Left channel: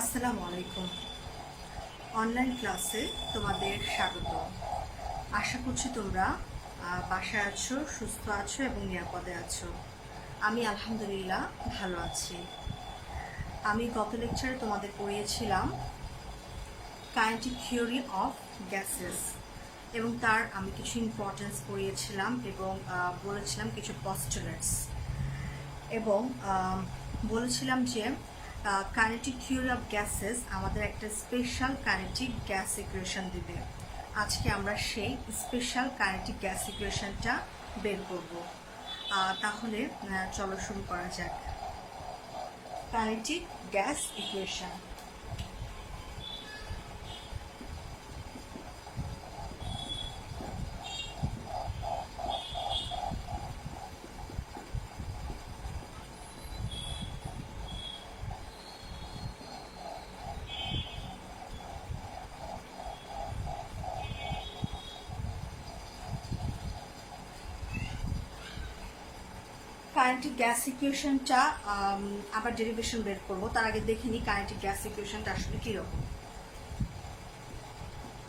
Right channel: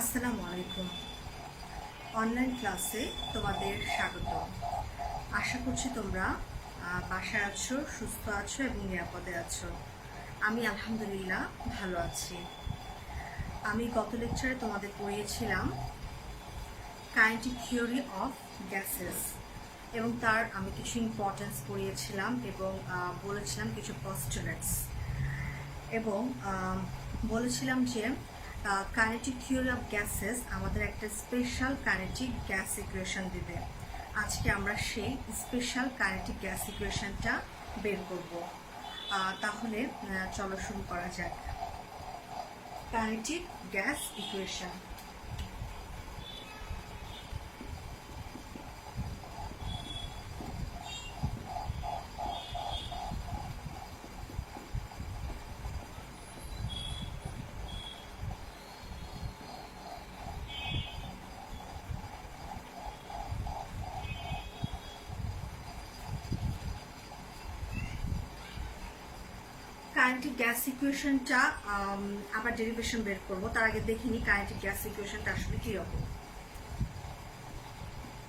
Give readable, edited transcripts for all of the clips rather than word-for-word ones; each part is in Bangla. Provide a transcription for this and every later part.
আসসালামু আলাইকুম। অনলাইন ক্লাসে তোমাদের স্বাগত। আশা করছি তোমরা বাসায় আছো, সুস্থ আছো এবং নিরাপদে আছো। আমি আলহামদুলিল্লাহ ভালো আছি। আমি গত লেকচারে তোমাদের পড়িয়েছিলাম কাইনেটিক থিওরি অফ গ্যাসেস এবং তার আমি কিছু ইম্পর্টেন্স পড়িয়েছিলাম এবং বলেছিলাম কিছু পস্টুলেটস এবং বলেছিলাম যে কাইনেটিক থিওরি অফ গ্যাসেস আমাদের একটা স্পেশাল কাইনেটিক গ্যাস ইকুয়েশন দিবে। আজকে আমরা সেই স্পেশাল কাইনেটিক গ্যাস ইকুয়েশনটা বের করব। তাহলে চলো শুরু করা যাক। Kinetic gas equation. Kinetic gas ইকুয়েশনটা আবার ডেরিভেশন বের করব, তার আগে দেখে নিই কাইনেটিক গ্যাস ইকুয়েশনটা আসলে কি রকম।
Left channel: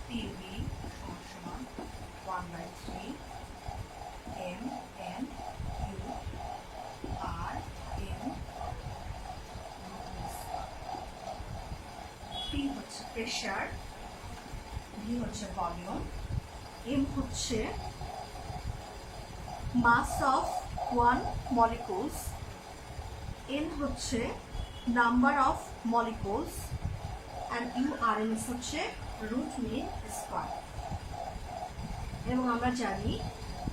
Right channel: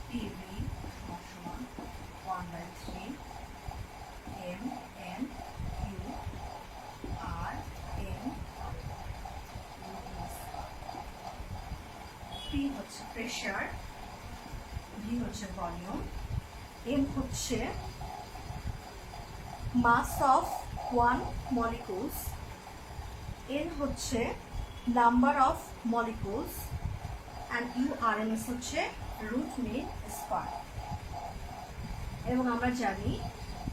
PV সমান 1/3 mn q r m। P হচ্ছে প্রেসার, V হচ্ছে ভলিউম, M হচ্ছে mass of one molecules, N হচ্ছে number of molecules and URMS হচ্ছে রুট মিন স্কয়ার। এবং আমরা জানি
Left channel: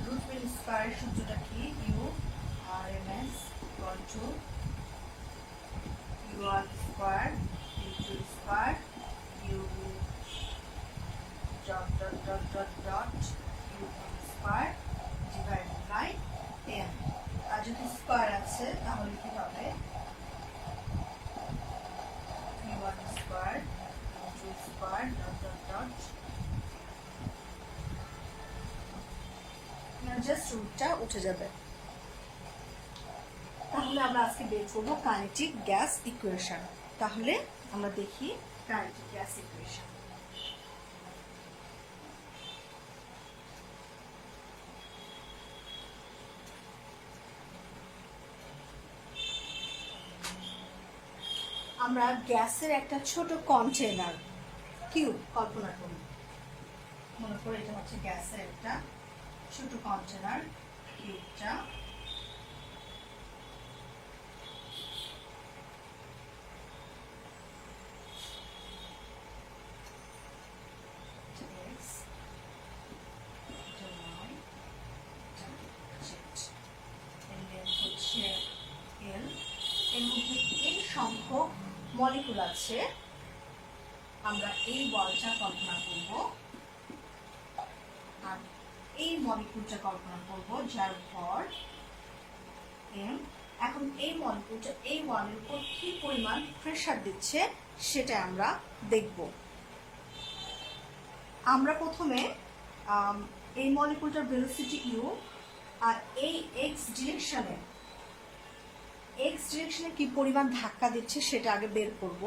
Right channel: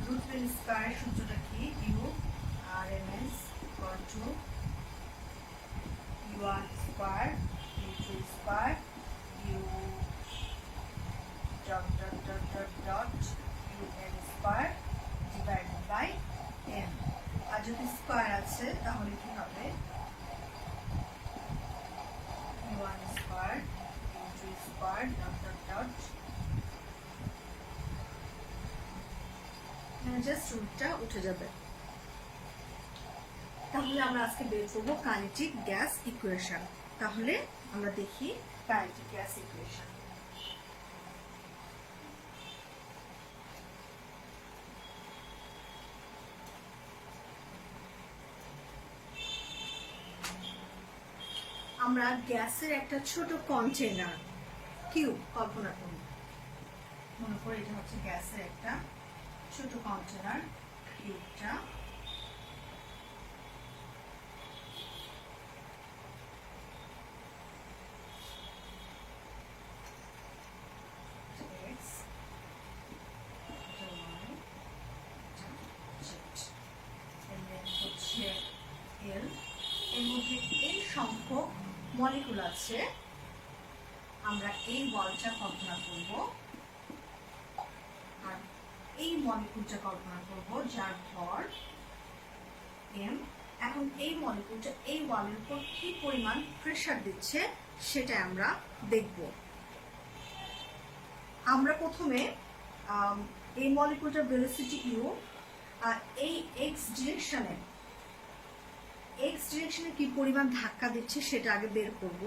রুট মিন স্কয়ারের সূত্রটা কি, URMS equal to UR square into square U dot dot dot dot dot UN square divided by M। আর যদি স্কয়ার আছে তাহলে কি হবে, U1 square into square dot dot dot just রুটটা উঠে যাবে। তাহলে আমরা আজকে বের করবো কাইনেটিক গ্যাস ইকুয়েশন। তাহলে আমরা দেখি কাইনেটিক গ্যাস ইকুয়েশন। আমরা গ্যাসের একটা ছোট কন্টেনার কিউব কল্পনা করি। মনে করি এটা হচ্ছে গ্যাসের একটা ছোট কন্টেনার কিউবটা। সংখ্যক মলিকুল আছে, আমরা এই বলটা কল্পনা করব আর এই মলিকুলটা কল্পনা করব যার ভর m। এখন এই মলিকুলটা এই ওয়ালের উপর কি পরিমাণ প্রেসার দিচ্ছে সেটা আমরা দেখব। আমরা প্রথমে এই মলিকুলটার ভেলোসিটি u আর এই x ডিরেকশনে কি পরিমাণ ধাক্কা দিচ্ছে সেটা আগে বের করব,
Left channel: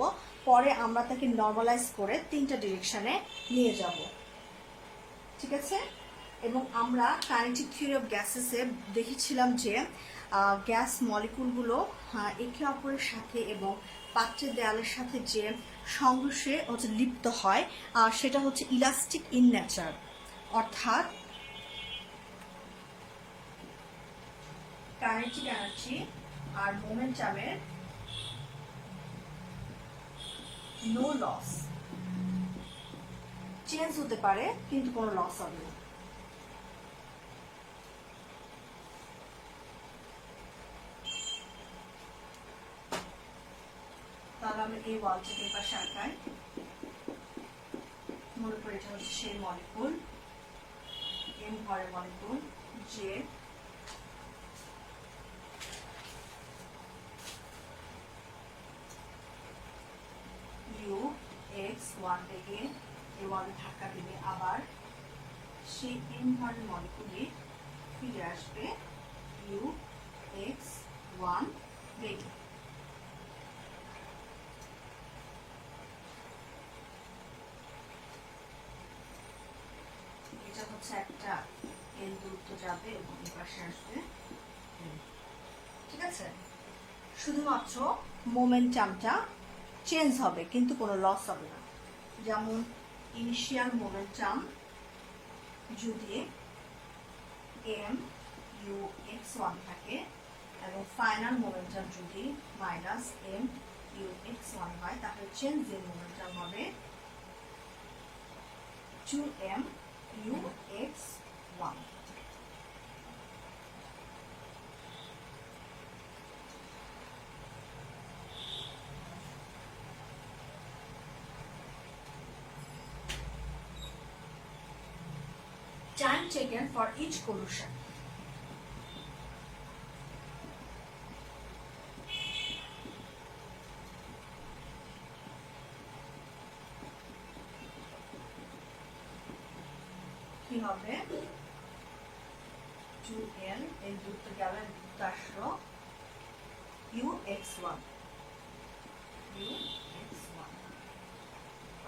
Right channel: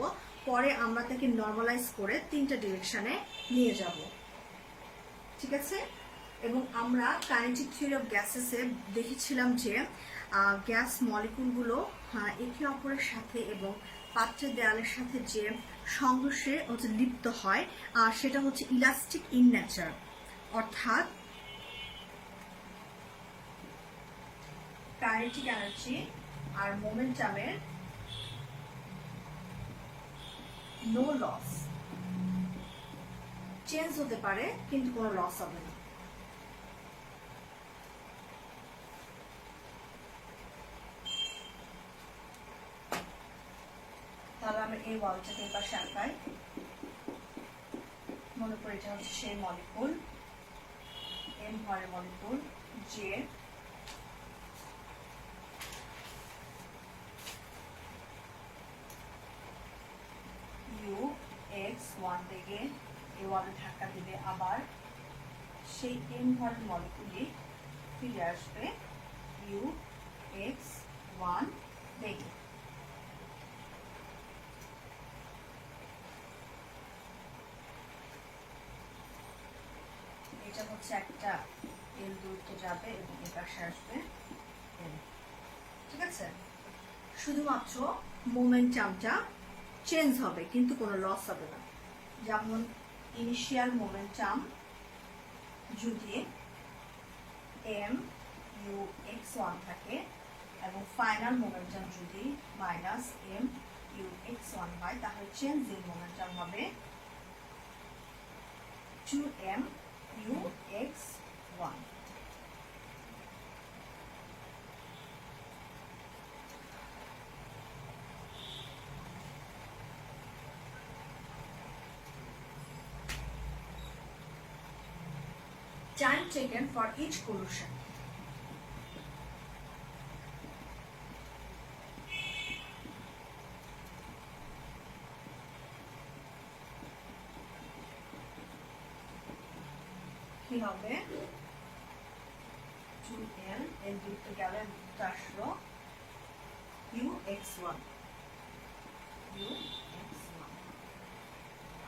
পরে আমরা তাকে নরমালাইজ করে তিনটা ডিরেকশনে নিয়ে যাব, ঠিক আছে। এবং আমরা কাইনেটিক থিওরি অফ গ্যাসেসে দেখেছিলাম যে গ্যাস মলিকুলগুলো একে অপরের সাথে এবং পাত্রের দেয়ালের সাথে যে সংঘর্ষে লিপ্ত হয় সেটা হচ্ছে ইলাস্টিক ইন নেচার, অর্থাৎ কাইনেটিক এনার্জি আর মোমেন্টামের নো লস, চেঞ্জ হতে পারে কিন্তু কোনো লস হবে না। তাহলে আমি এই ওয়ালটাকে এই পাশে আঁকাই। মনে করি এটা হচ্ছে সেই মলিকুল, M ভরের মলিকুল, যে x1 থেকে এই ওয়ালে ধাক্কা দিলে আবার সেই m ভরের মলিকুলই ফিরে আসবে UX1 বেগে। হচ্ছে একটা এল দূরত্ব যাবে এবং এই পাশে আসবে M। ঠিক আছে, শুধুমাত্র মোমেন্টামটা চেঞ্জ হবে কিন্তু কোনো লস হবে না। যেমন ইনিশিয়াল মোমেন্টাম যদি এম ইউ এক্স ওয়ান থাকে এবং ফাইনাল মোমেন্টাম যদি minus M U X one হয়, তাহলে চেঞ্জ ইন মোমেন্টাম হবে 2m u x1। Time taken for each collision. কি হবে 2l এর দূরত্ব গেল এর দূরত্ব আসলো ux1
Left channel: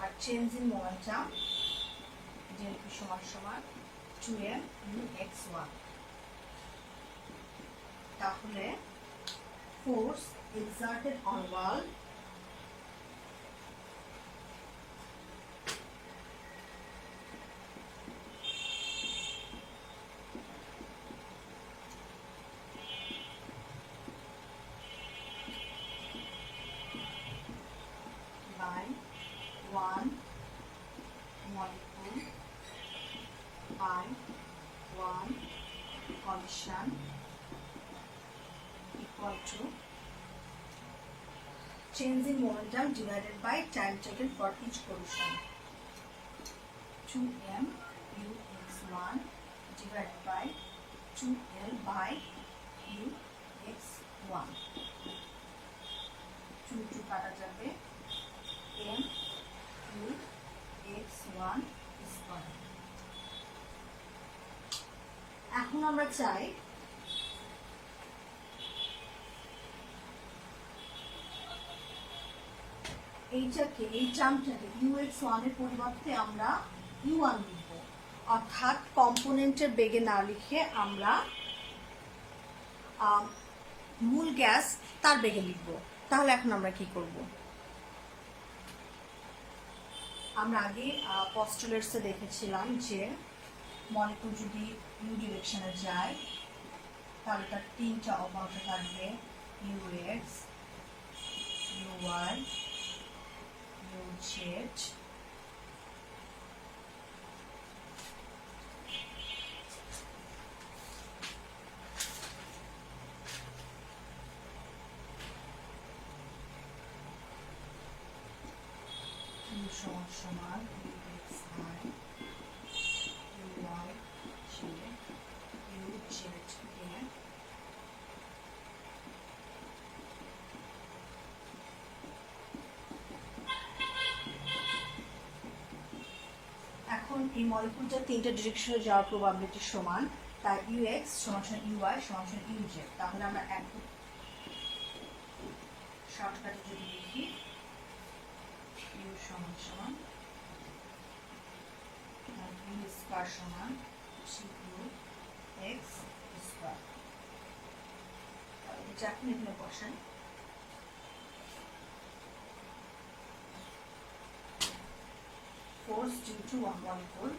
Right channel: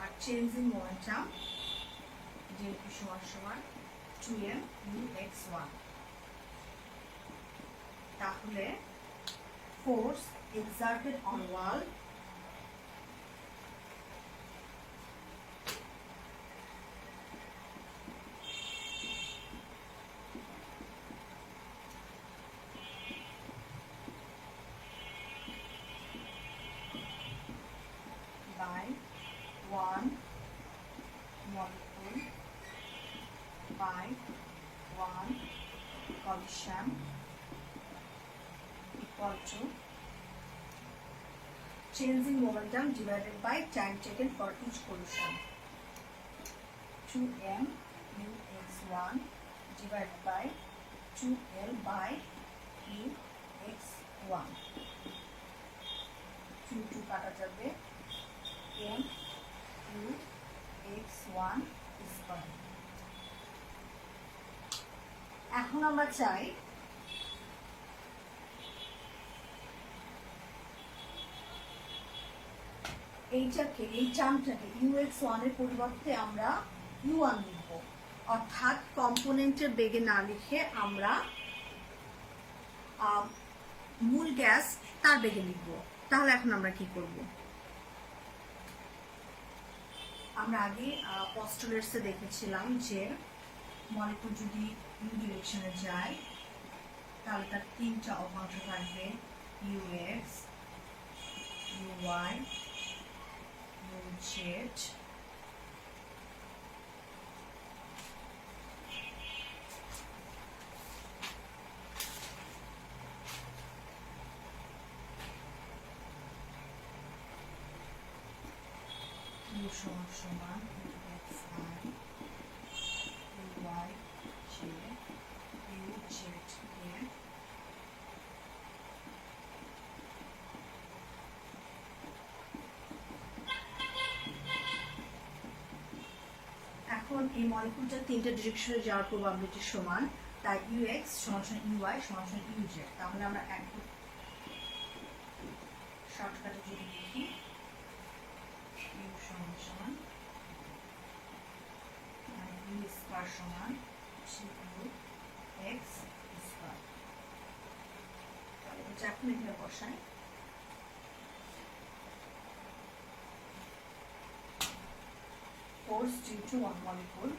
আর চেঞ্জ ইন মোমেন্টাম dmp সমান সমান 2m ux1। তাহলে force exerted on wall by one molecule by one collision equal to change in momentum divided by time taken for each collision, 2m ux1 divided by 2l by ux1, 2 কাটা যাবে m u x1 স্কয়ার। এখন আমরা চাই এইটাকে এই টার্মটাকে ux1 এর পরিবর্তে আমরা u1 লিখব, অর্থাৎ কম্পোনেন্টের বেগে না লিখে আমরা মূল গ্যাস তার বেগে লিখব। তাহলে এখন আমরা কি করব? আমরা আগে পস্টুলেটসে দেখেছিলাম যে মলিকুল যদি ইউ ডিরেকশনে যায় তাহলে তার তিনটা অপাংশ থাকবে, ux, uy, uz। u সমান সমান uxi, uy j, uz কে এখন এই মলিকুলটা তিনটা ডিরেকশনে যাওয়ার প্রবাবিলিটি সমান, তাই ux সমান সমান uy সমান সমান uz। তাহলে আমরা এক শর্টকাটে যদি লিখি u সমান সমান u স্কয়ার সমান 2x স্কয়ার। তাহলে এটা এখন এখানে বসাই, force due to one molecule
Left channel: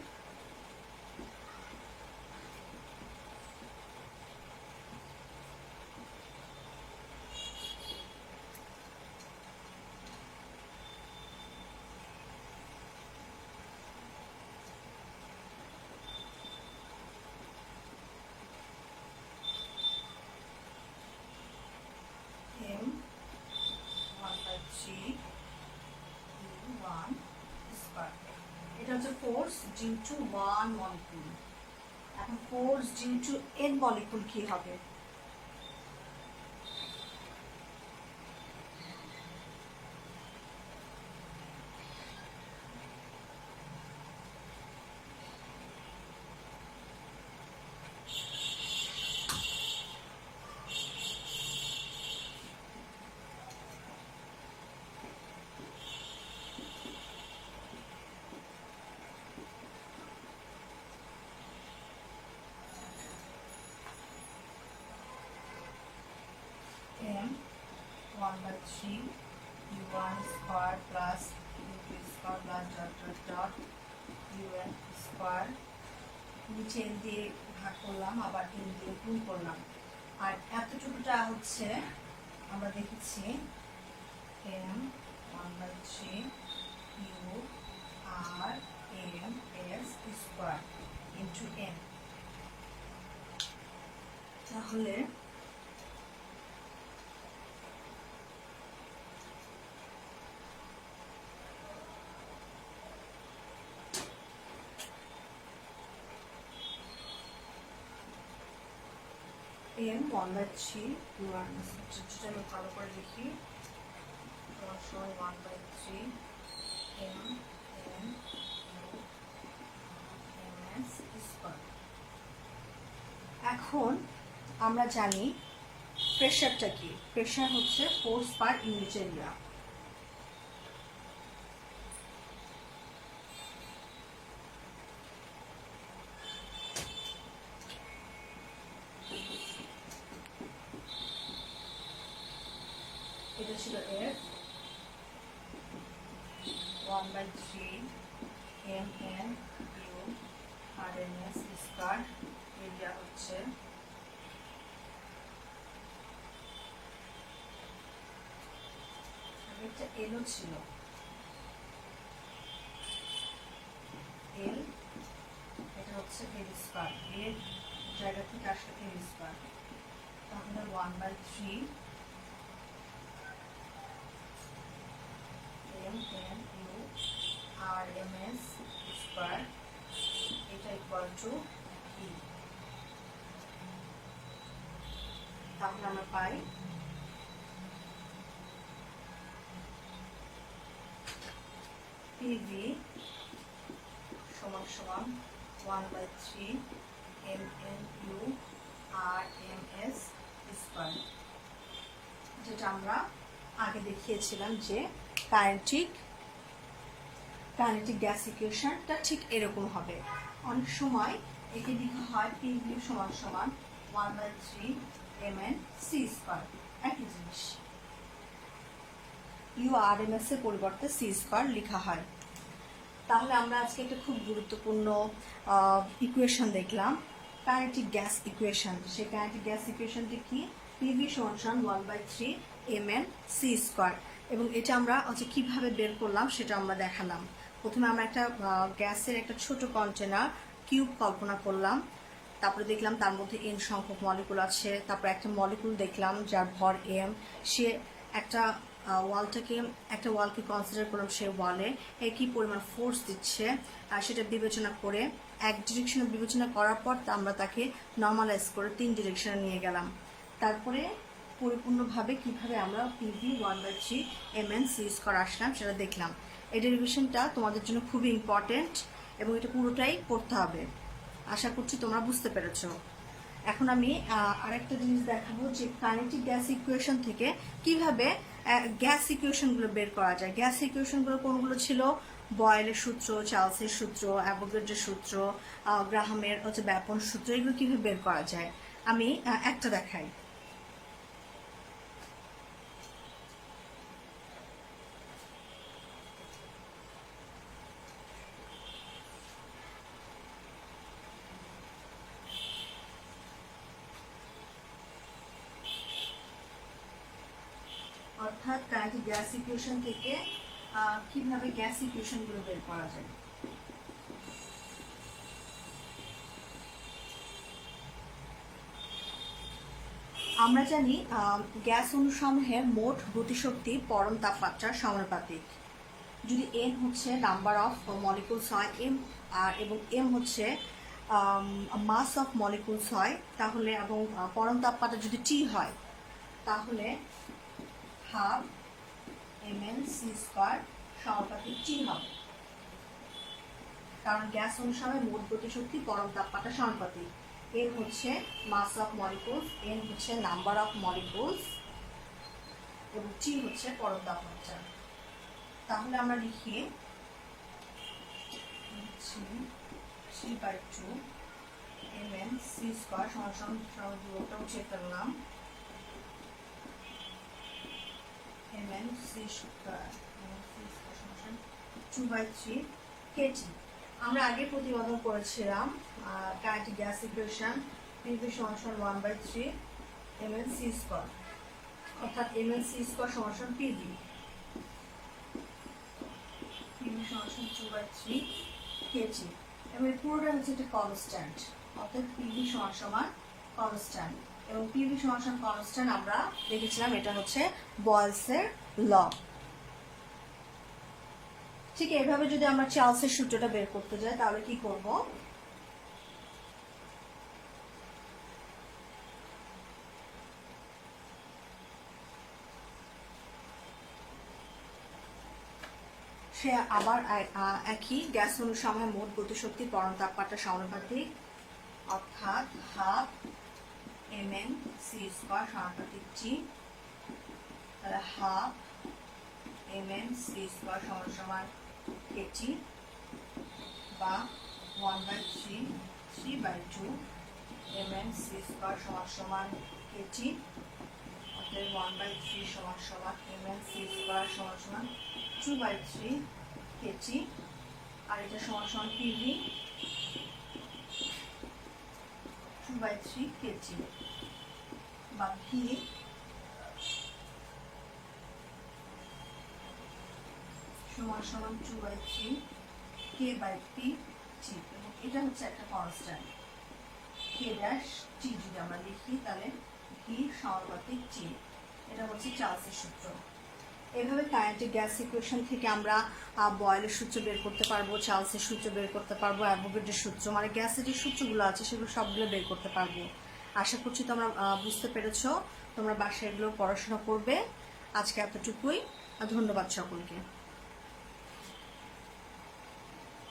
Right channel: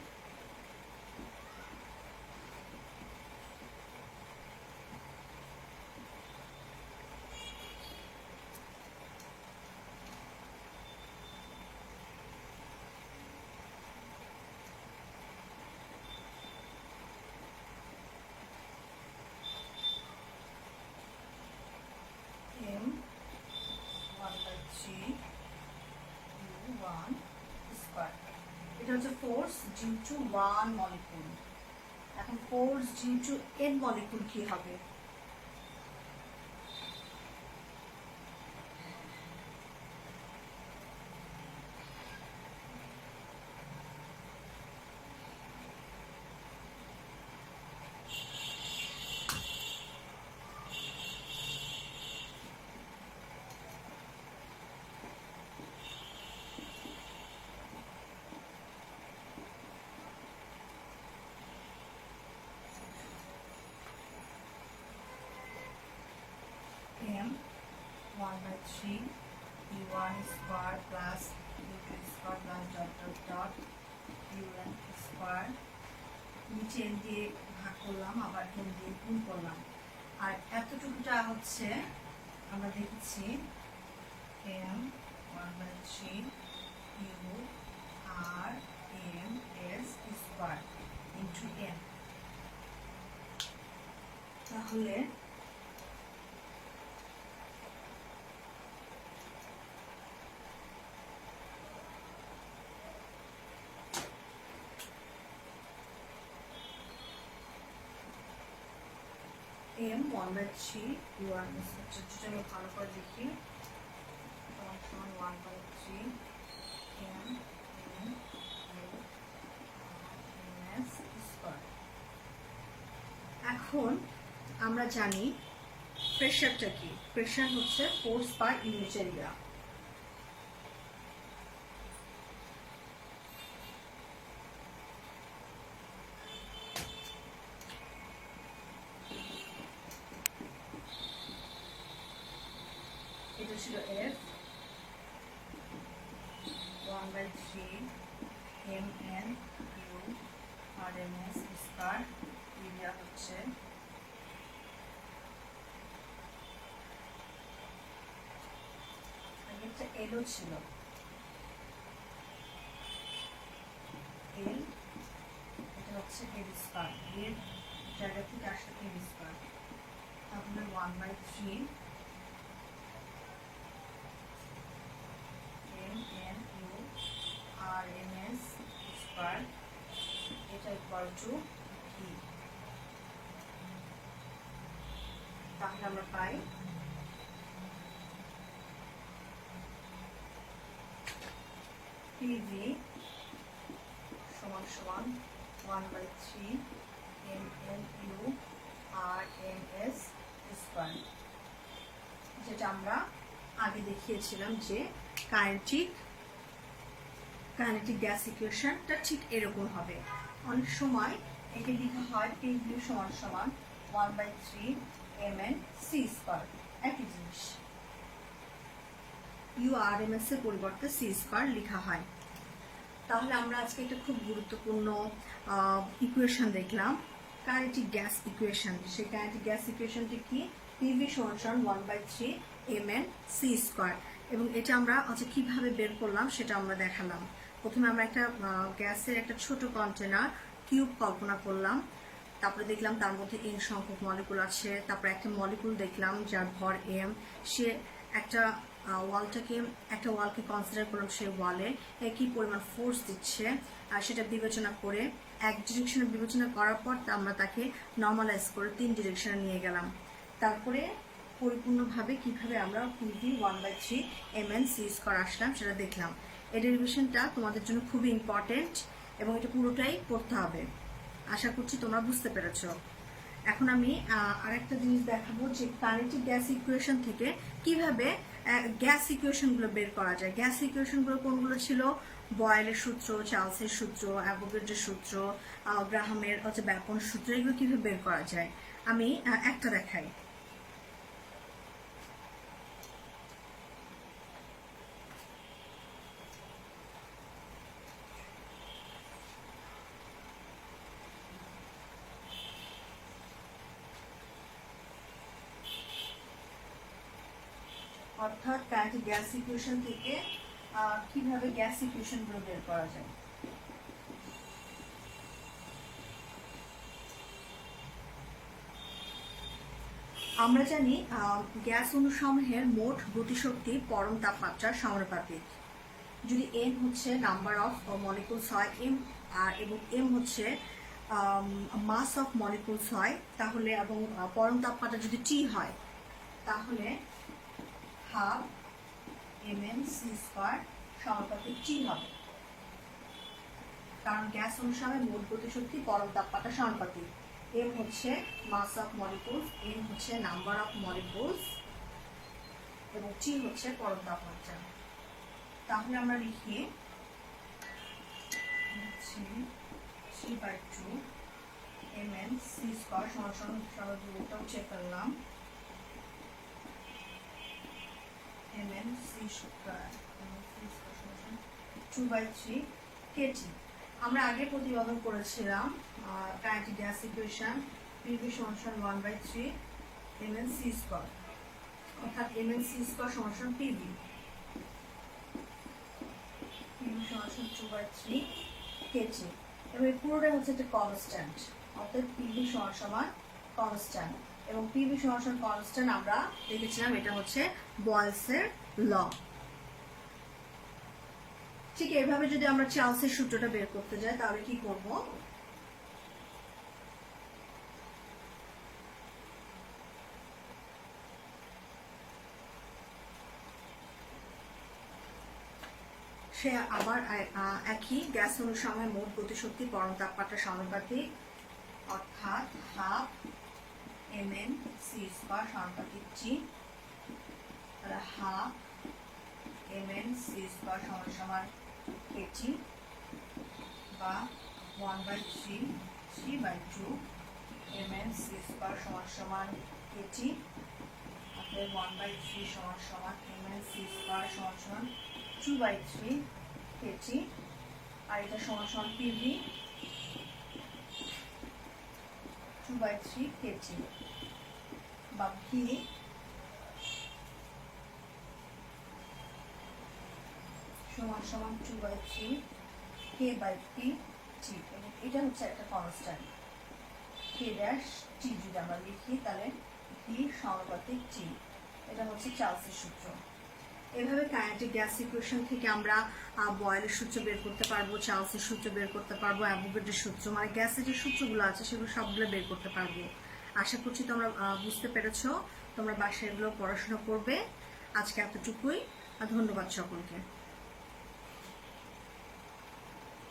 m 1/3 u1 square. এটা হচ্ছে force due to one molecule. এখন force due to n molecule কি হবে? 1/3 u1 square plus u2 square plus dot dot dot un square, নিচে n দিয়ে ভাগ করলাম, আবার n দিয়ে গুণ করলাম। আর এতটুকুটা হচ্ছে আমরা দেখেছি m 1/3 u r m s square into n। তাহলে m 1/3 u r যেটা আমি ভালো করে দেখি, 1/3 m n u m s square. এখন আমরা জানি প্রেশারটা কি। প্রেশার হচ্ছে ফোর্স পার ইউনিট এরিয়া। এটা ছিল F 1/3 mn u rms square, area হচ্ছে একটা এলও ছিল, এল, এটা হচ্ছে এল স্কয়ার, এর জায়গা থেকে আসলে এল স্কয়ার। তাহলে 1/3 mn u rms স্কয়ার, এটা ইকুয়াল টু ভি। তাহলে আমরা পাই PV সমান সমান 1/3 mn u rms স্কয়ার, যেটা আমরা আগে দেখিয়েছিলাম যে কাইনেটিক গ্যাস ইকুয়েশনটা ঠিক এরকম হবে। অনেক সময় একে লেখা হয় PV সমান সমান 1/3 mn c স্কয়ার, একই জিনিস। URMS এর পরিবর্তে c স্কয়ার লেখা হয়। তাহলে আমরা আজকে একটা খুব গুরুত্বপূর্ণ ইকুয়েশন দেখলাম, কাইনেটিক গ্যাস ইকুয়েশন। সেই কাইনেটিক গ্যাস ইকুয়েশনটি কি? PV সমান সমান 1/3 mn c স্কয়ার। এবং এটা আমরা কিভাবে বের করলাম সেটা আমরা দেখালাম। প্রথমে আমরা একটা গ্যাসের একটা ছোট কন্টেনার কিউব কল্পনা করলাম, তারপরে দেখলাম তার মধ্যে n সংখ্যক মলিকুল আছে। তারপরে একটা মলিকুল দেখলাম যার ভর m, সে একটা ওয়ালকে কনসিডার করলাম, সেই ওয়ালে কি পরিমাণ ফোর্স দিচ্ছে সেটা বিবেচনা করে এক ডিরেকশনে বিবেচনা করার পর আমরা তাকে নর্মালাইজ করে 3 ডিরেকশনে নিয়ে গেলাম। তারপরে পরিপূর্ণভাবে কিভাবে আমরা PV 1/3 mn c স্কয়ার আসলাম সেটা দেখলাম। এই ডেরিভেশনটা তোমাদের জন্য খুবই ইম্পর্টেন্ট এবং এটা পুরোটাই করতে হবে। আশা করছি তোমরা বুঝতে পেরেছো। এখন আমি আরেকটা জিনিস দেখাবো যে কাইনেটিক গ্যাস ইকুয়েশন থেকে কিভাবে গ্যাস ইকুয়েশনগুলো বের করা যায়। গ্যাস ইকুয়েশনগুলো কোনগুলো ছিল? বয়েলের সূত্র, চার্লসের সূত্র, অ্যাভোগাড্রোর সূত্র, গ্রাহামের ব্যাপন সূত্র, এগুলো কিভাবে বের করা যায় আমি একটা দেখাই। অর্থাৎ কাইনেটিক গ্যাস ইকুয়েশন থেকে কিভাবে গ্যাস ইকুয়েশনগুলো বের করা যায়। আমরা জানি গ্যাস অণুসমূহের মোট গতিশক্তি পরম তাপমাত্রার সমানুপাতিক। যদি n হচ্ছে নাম্বার অফ মলিকুলস হয় m এবং m হচ্ছে মাস অফ মলিকুলস হয়, তাহলে এবং পরম তাপমাত্রা যদি T হয় তাহলে হাফ mn c স্কয়ার সমানুপাতিক T হবে, কারণ গ্যাস অণুসমূহের মোট গতিশক্তি পরম তাপমাত্রা সমানুপাতিক। m হচ্ছে মাস অফ মলিকুলস, n হচ্ছে নাম্বার অফ মলিকুলস এবং T হচ্ছে পরম তাপমাত্রা। তাহলে আমরা লিখি 3/2 mn c স্কয়ার সমান সমান চেক করলাম mn c স্কয়ার সমান 2/3 কেজি। আমরা আগে প্রতিপাদন করেছিলাম কাইনেটিক গ্যাস ইকুয়েশন PV সমান 1/3 mn c স্কয়ার, অর্থাৎ mn c স্কয়ার সমান PV সমান 2/3 কেজি। এবং এই পুরোটা হচ্ছে একটা কনস্ট্যান্ট, অর্থাৎ PV সমান কনস্ট্যান্ট, এবং PV সমান কনস্ট্যান্ট আমরা দেখেছিলাম এটা হচ্ছে বয়েলসের ল। ঠিক এইভাবে যদি আমরা চার্লসের সূত্রটা বের করতে যাই তাহলে কি করব, সে আবার একই গ্যাস অণুর সময় মোট গতিশক্তি পরম তাপমাত্রা সমানুপাতিক, অর্থাৎ হাফ mn c স্কয়ার সমানুপাতিক g, তাহলে হাফ mn c স্কয়ার সমান kg বা 1/3 3/2 mn c স্কয়ার সমান kg, অতএব 1/3 সমান mn c স্কয়ার সমান 2/3 kg, আর এটা সমান PV 2/3 kg বা V সমান 2/3 k/p g, এবং এটা হচ্ছে একটা কনস্ট্যান্ট k ড্যাশ g। যদি আমরা লিখি তাহলে v সমানুপাতিক g, এটা হচ্ছে চার্লসের সূত্র। এভাবে কাইনেটিক গ্যাস ইকুয়েশন থেকে আমরা বয়েলের সূত্র বের করতে পারবো, চার্লসের সূত্র বের করতে পারবো, অ্যাভোগাড্রোর সূত্র, মানে গ্যাসের যে সূত্রগুলো আছে সেগুলো সবগুলো বের করতে পারবো। আশা করছি তোমরা বুঝতে পেরেছো, তোমরা বাসায় এগুলো পড়াশোনা করবে। আজকে এতটুকুই, ধন্যবাদ সকলকে।